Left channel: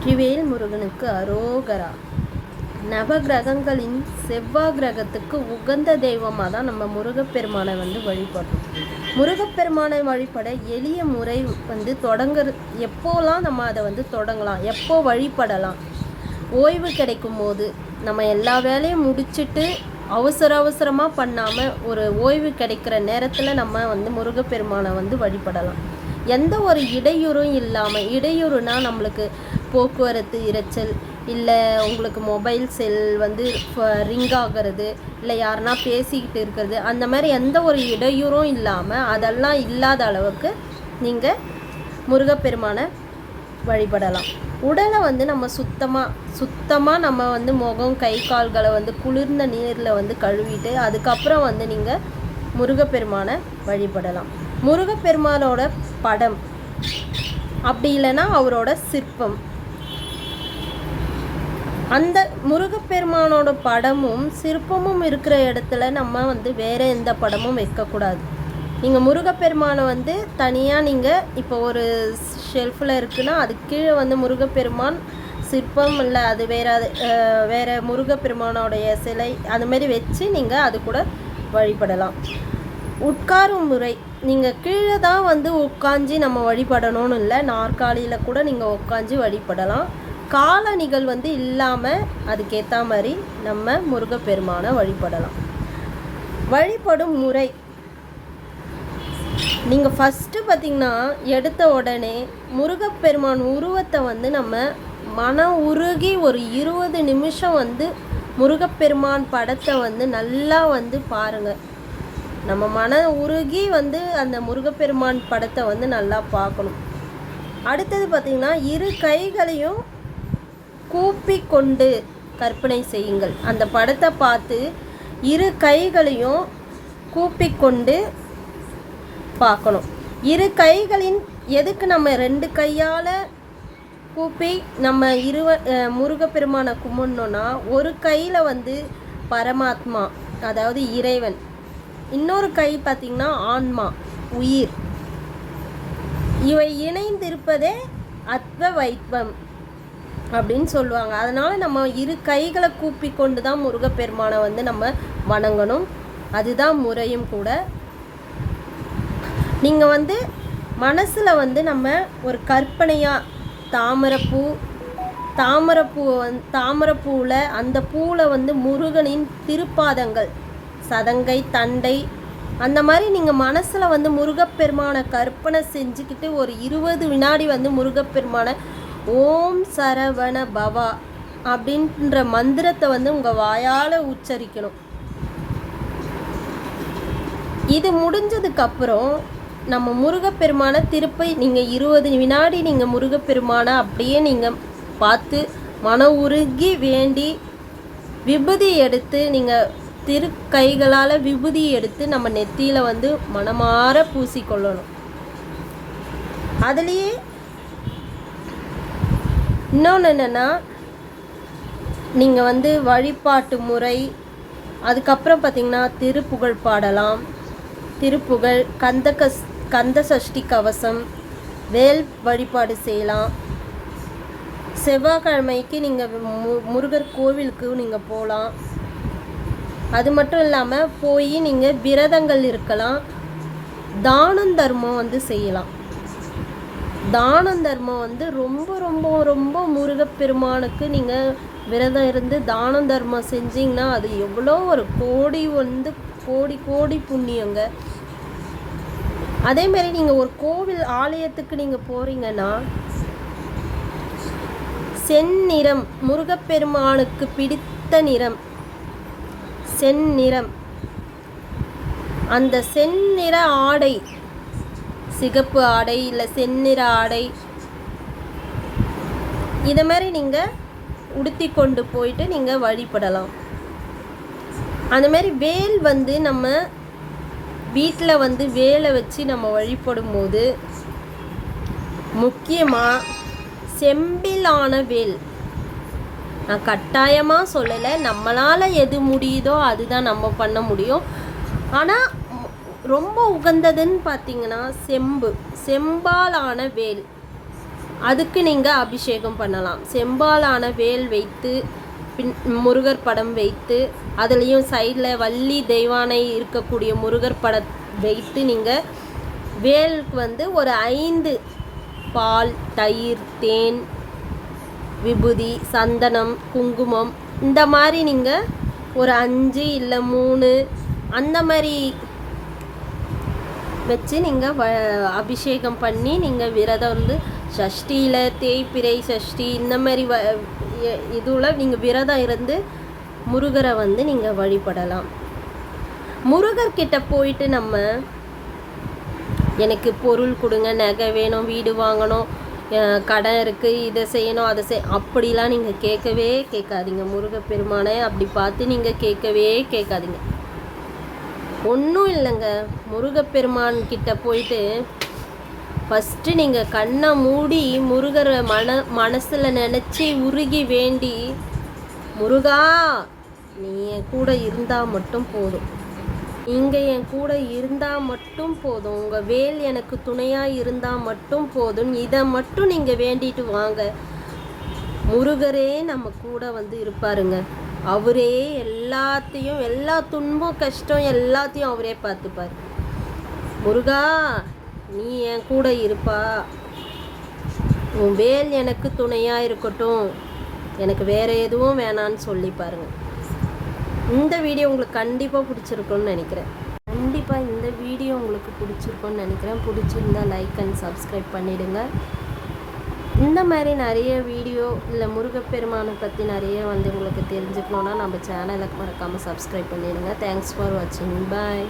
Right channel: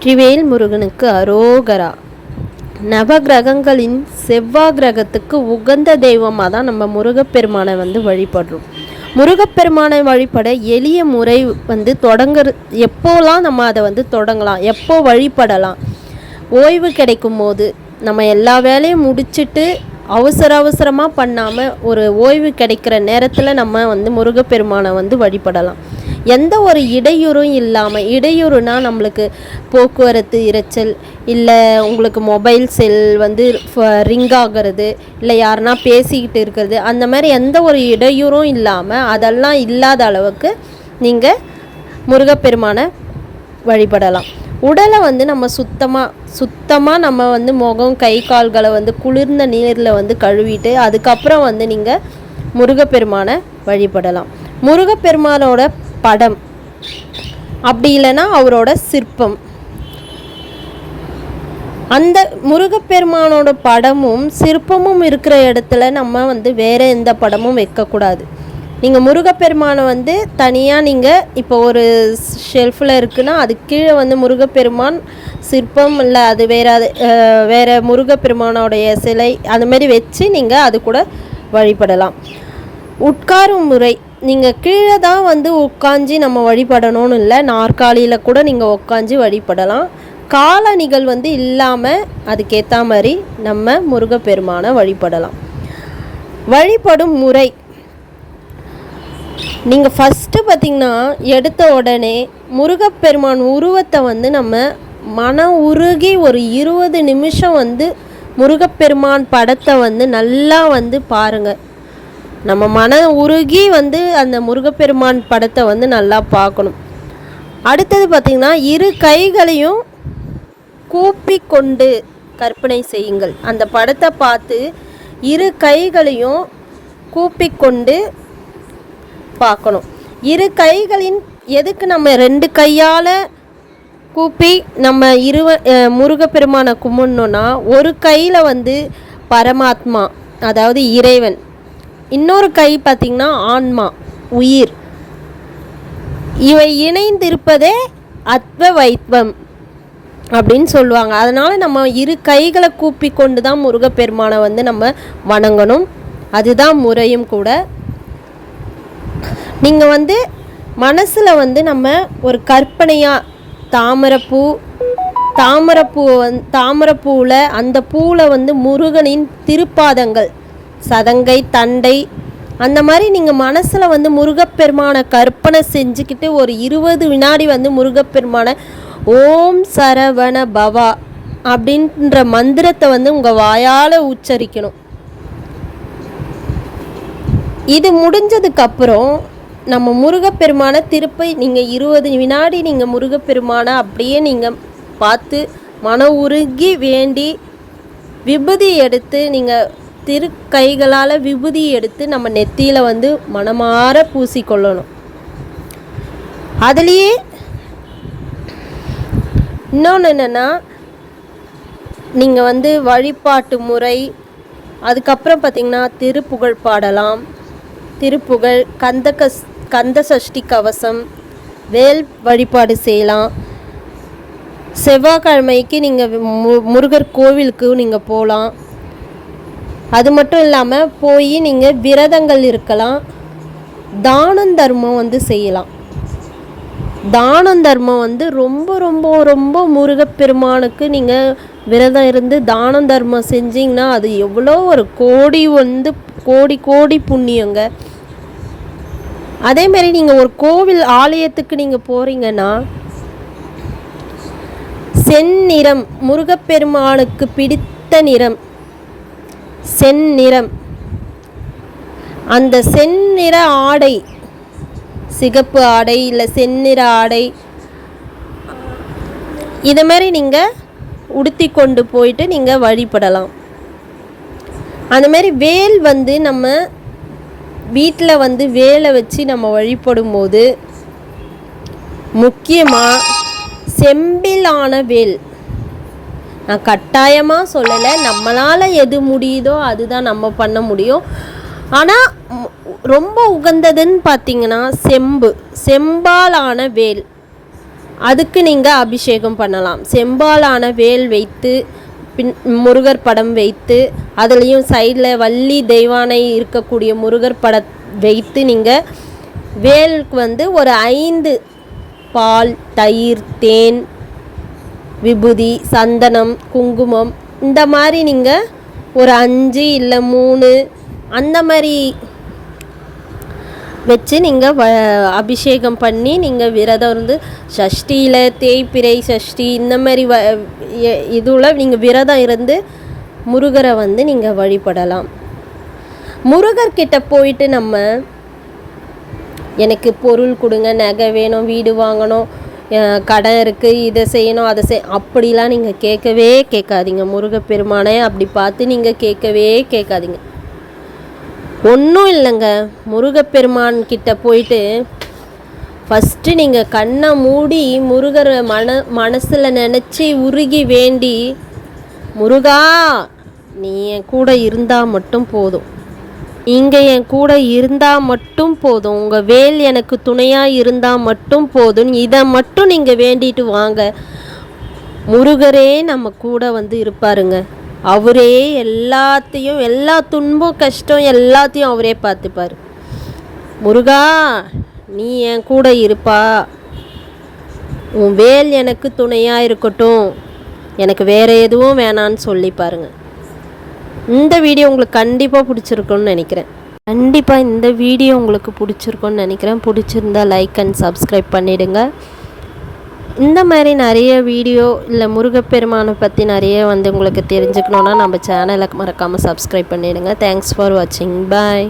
வெற்றிவேல் முருகனுக்கு அரோகரா. நவகிரகங்களின் செவ்வாய் கிரகத்துக்கு உகந்த தெய்வமாக தான் நம்ம முருகப்பெருமானை வழிபடுறோம். முருகப்பெருமானை வழிபட எளிய முறை எப்போலாம் நம்ம அதை தொடங்கலாம், எப்போ வழிபடலாம். ஓய்வு கிடைக்கும் போது நம்ம எல்லா வேலையும் முடிச்சுட்டு அவசரமாக பண்ணாமல் ஒரு ஓய்வு கிடைக்கிற நேரத்தில் நம்ம முருகப்பெருமானை வழிபடலாம். எந்த ஒரு இடையூறும் இல்லாமல், இடையூறுனா நம்மளுக்கு போக்குவரத்து இரைச்சல், இல்லை உங்களுக்கு மொபைல் செல் ரிங் ஆகிறது, இல்லை யாருன்னா பேசிக்கிட்டு இருக்கிறது, அந்த மாதிரி எந்த ஒரு இடையூறும் இல்லாமல் அதெல்லாம் இல்லாத அளவுக்கு நீங்கள் முருகப்பெருமானை வழிபடலாம். உடலை நம்ம சுத்தமாக நம்ம முகம் கை கால்களை குளிர்ந்த நீரில் கழுவிட்டு அதுக்கப்புறம் நீங்கள் முருகப்பெருமானை வழிபடலாம். முருகப்பெருமானோட படம் அப்படி இல்லைன்னா அவரோட சிற்பம், அந்த முருகப்பெருமானோட படமும் சிற்பமும் இருக்கிற இடத்துல நம்ம வேறு எந்த படமும் வைக்கக்கூடாது. நீங்கள் முருகப்பெருமானை தனியாக நீங்கள் இப்போ ஒரு ஷெல்ஃபில் இருக்குன்னா அது கீழே முருகப்பெருமான் சிற்பம், இல்லை அது வேறு முருகப்பெருமானோடைய சிலை அதுமாரி வச்சு நீங்கள் அது கூட வழிபடலாம். உட்காரும் முறை, நீங்கள் கீழே தான் உட்காந்து நம்ம வழிபடணும்னு இல்லை, நாற்காலியில் கூட நீங்கள் உட்காந்து வழிபடலாம். காலணிகள் இல்லாமல் அதுக்கேற்ற மாதிரி நம்ம முருகப்பெருமானை வழிபடலாம். வழிபடும் முறை, நீங்கள் ஃபஸ்ட்டு பார்த்திங்கன்னா எடுத்த உடனே முருகப்பெருமான் உருவத்தை நம்ம மன உருகி ஒரு 20 நிமிஷம் முருகப்பெருமான் படத்தை நல்லா பாருங்கள். நம்ம மன உருகி அந்த முருகப்பெருமான் படத்தை நல்லா பார்க்கணும். அடுத்தது பார்த்திங்கன்னா 2 கைகளையும் கூப்பி கொண்டு கற்பனை செய்யுங்கள். அந்த படத்தை பார்த்து 2 கைகளையும் கூப்பி கொண்டு பார்க்கணும். 2 கைகளின் எதுக்கு நம்ம 2 கையால் கூப்பி நம்ம முருகப்பெருமானை கும்பிடணுன்னா, ஒரு கையில் பரமாத்மா அதாவது இறைவன், இன்னொரு கை பார்த்திங்கன்னா ஆன்மா உயிர், இவை இணைந்திருப்பதே அத்வைத்வம் அப்படின்னு சொல்லுவாங்க. அதனால் நம்ம 2 கைகளை கூப்பி கொண்டு தான் முருகப்பெருமானை நம்ம வணங்கணும். அதுதான் முறையும் கூட. நீங்கள் மனசில் நம்ம ஒரு கற்பனையாக தாமரைப்பூவில் அந்த பூவில் முருகனின் திருப்பாதங்கள், சதங்கை, தண்டை, அந்த மாதிரி நீங்கள் மனசில் முருகப்பெருமானை கற்பனை செஞ்சுக்கிட்டு ஒரு 20 வினாடி முருகப்பெருமானை ஓம் சரவண பவா அப்படின்ற மந்திரத்தை உங்கள் வாயால் உச்சரிக்கணும். இது முடிஞ்சதுக்கப்புறம் நம்ம முருகப்பெருமானை திருப்பி நீங்கள் 20 வினாடி நீங்கள் முருகப்பெருமானை அப்படியே நீங்கள் பார்த்து மன உருகி வேண்டி விபூதி எடுத்து, நீங்கள் கைகளால் விபூதி எடுத்து நம்ம நெத்தியில் மனமாற பூசிக்கொள்ளணும். அதுலேயே இன்னொன்று என்னென்னா, நீங்கள் வழிபாட்டு முறை, அதுக்கப்புறம் பார்த்திங்கன்னா திருப்புகழ் பாடலாம். திருப்புகழ், கந்த சஷ்டி கவசம், வேல் வழிபாடு செய்யலாம். செவ்வாய்க்கிழமைக்கு நீங்கள் முருகர் கோவிலுக்கு நீங்கள் போகலாம். அது மட்டும் இல்லாமல் போய் நீங்கள் விரதங்கள் இருக்கலாம். தானம் தர்மம் செய்யலாம். தானம் தர்மம் ரொம்ப ரொம்ப ரொம்ப முருகப்பெருமானுக்கு நீங்கள் விரதம் இருந்து தானம் தர்மம் செஞ்சிங்கன்னா அது எவ்வளோ ஒரு கோடி கோடி புண்ணியங்க. அதேமாரி நீங்கள் ஒரு கோவில் ஆலயத்துக்கு நீங்கள் போகிறீங்கன்னா செந்நிறம், முருகப்பெருமானுக்கு பிடித்த நிறம் செந்நிறம், அந்த செந்நிற ஆடை, சிகப்பு ஆடை இல்லை செந்நிற ஆடை, இதை மாதிரி நீங்கள் உடுத்தி கொண்டு போயிட்டு நீங்கள் வழிபடலாம். அந்தமாரி வேல் நம்ம வீட்டில் வேலை வச்சு நம்ம வழிபடும் போது முக்கியமாக செம்பிலான வேல், நான் கட்டாயமாக சொல்லலை, நம்மளால் எது முடியுதோ அதுதான் நம்ம பண்ண முடியும். ஆனால் ரொம்ப உகந்ததுன்னு பார்த்திங்கன்னா செம்பாலான வேல். அதுக்கு நீங்கள் அபிஷேகம் பண்ணலாம். செம்பாலான வேல் வைத்து முருகர் படம் வைத்து அதுலேயும் சைடில் வள்ளி தெய்வானை இருக்கக்கூடிய முருகர் படம் வைத்து நீங்கள் வேலுக்கு வந்து ஒரு 5 பால், தயிர், தேன், விபூதி, சந்தனம், குங்குமம் இந்த மாதிரி நீங்கள் ஒரு 5 இல்லை 3 அந்த மாதிரி வச்சு நீங்கள் அபிஷேகம் பண்ணி நீங்கள் விரதம் இருந்து சஷ்டியில் தேய்பிறை சஷ்டி இந்த மாதிரி இதில் நீங்கள் விரதம் இருந்து முருகரை வந்து நீங்கள் வழிபடலாம். முருகர்கிட்ட போயிட்டு நம்ம எனக்கு பொருள் கொடுங்க, நகை வேணும், வீடு வாங்கணும், கடன் இருக்குது, இதை செய்யணும், அதை அப்படிலாம் நீங்கள் கேட்கவே கேட்காதீங்க. முருகப்பெருமானை அப்படி பார்த்து நீங்கள் கேட்கவே கேட்காதீங்க. ஒன்றும் இல்லைங்க, முருகப்பெருமான் கிட்ட போயிட்டு ஃபஸ்ட்டு நீங்கள் கண்ணை மூடி முருகரை மனசில் நினச்சி உருகி வேண்டி, முருகா நீ என் கூட இருந்தால் மட்டும் போதும், நீங்கள் என் கூட இருந்தால் மட்டும் போதும், உங்கள் வேல் எனக்கு துணையாக இருந்தால் மட்டும் போதும், இதை மட்டும் நீங்கள் வேண்டிட்டு வாங்க. முருகரே நம்ம கூட வந்து இருப்பாருங்க. அவரே எல்லாத்தையும், எல்லா துன்பம் கஷ்டம் எல்லாத்தையும் அவரே பார்த்துப்பார். முருகா நீ என் கூட இருப்பா, உன் வேல் எனக்கு துணையாக இருக்கட்டும், எனக்கு வேறு எதுவும் வேணான்னு சொல்லி பாருங்கள். இந்த வீடியோ உங்களுக்கு கண்டிப்பாக பிடிச்சிருக்குன்னு நினைக்கிறேன். கண்டிப்பாக இந்த வீடியோ உங்களுக்கு பிடிச்சிருக்குன்னு நினைக்கிறேன். பிடிச்சிருந்தா லைக் அண்ட் சப்ஸ்கிரைப் பண்ணிவிடுங்க. இந்த மாதிரி நிறைய வீடியோ இல்லை முருகப்பெருமானை பற்றி நிறைய வந்து உங்களுக்கு தெரிஞ்சுக்கணுன்னா நம்ம சேனலை மறக்காமல் சப்ஸ்கிரைப் பண்ணிவிடுங்க. தேங்க்ஸ் ஃபார் வாட்சிங். பாய்.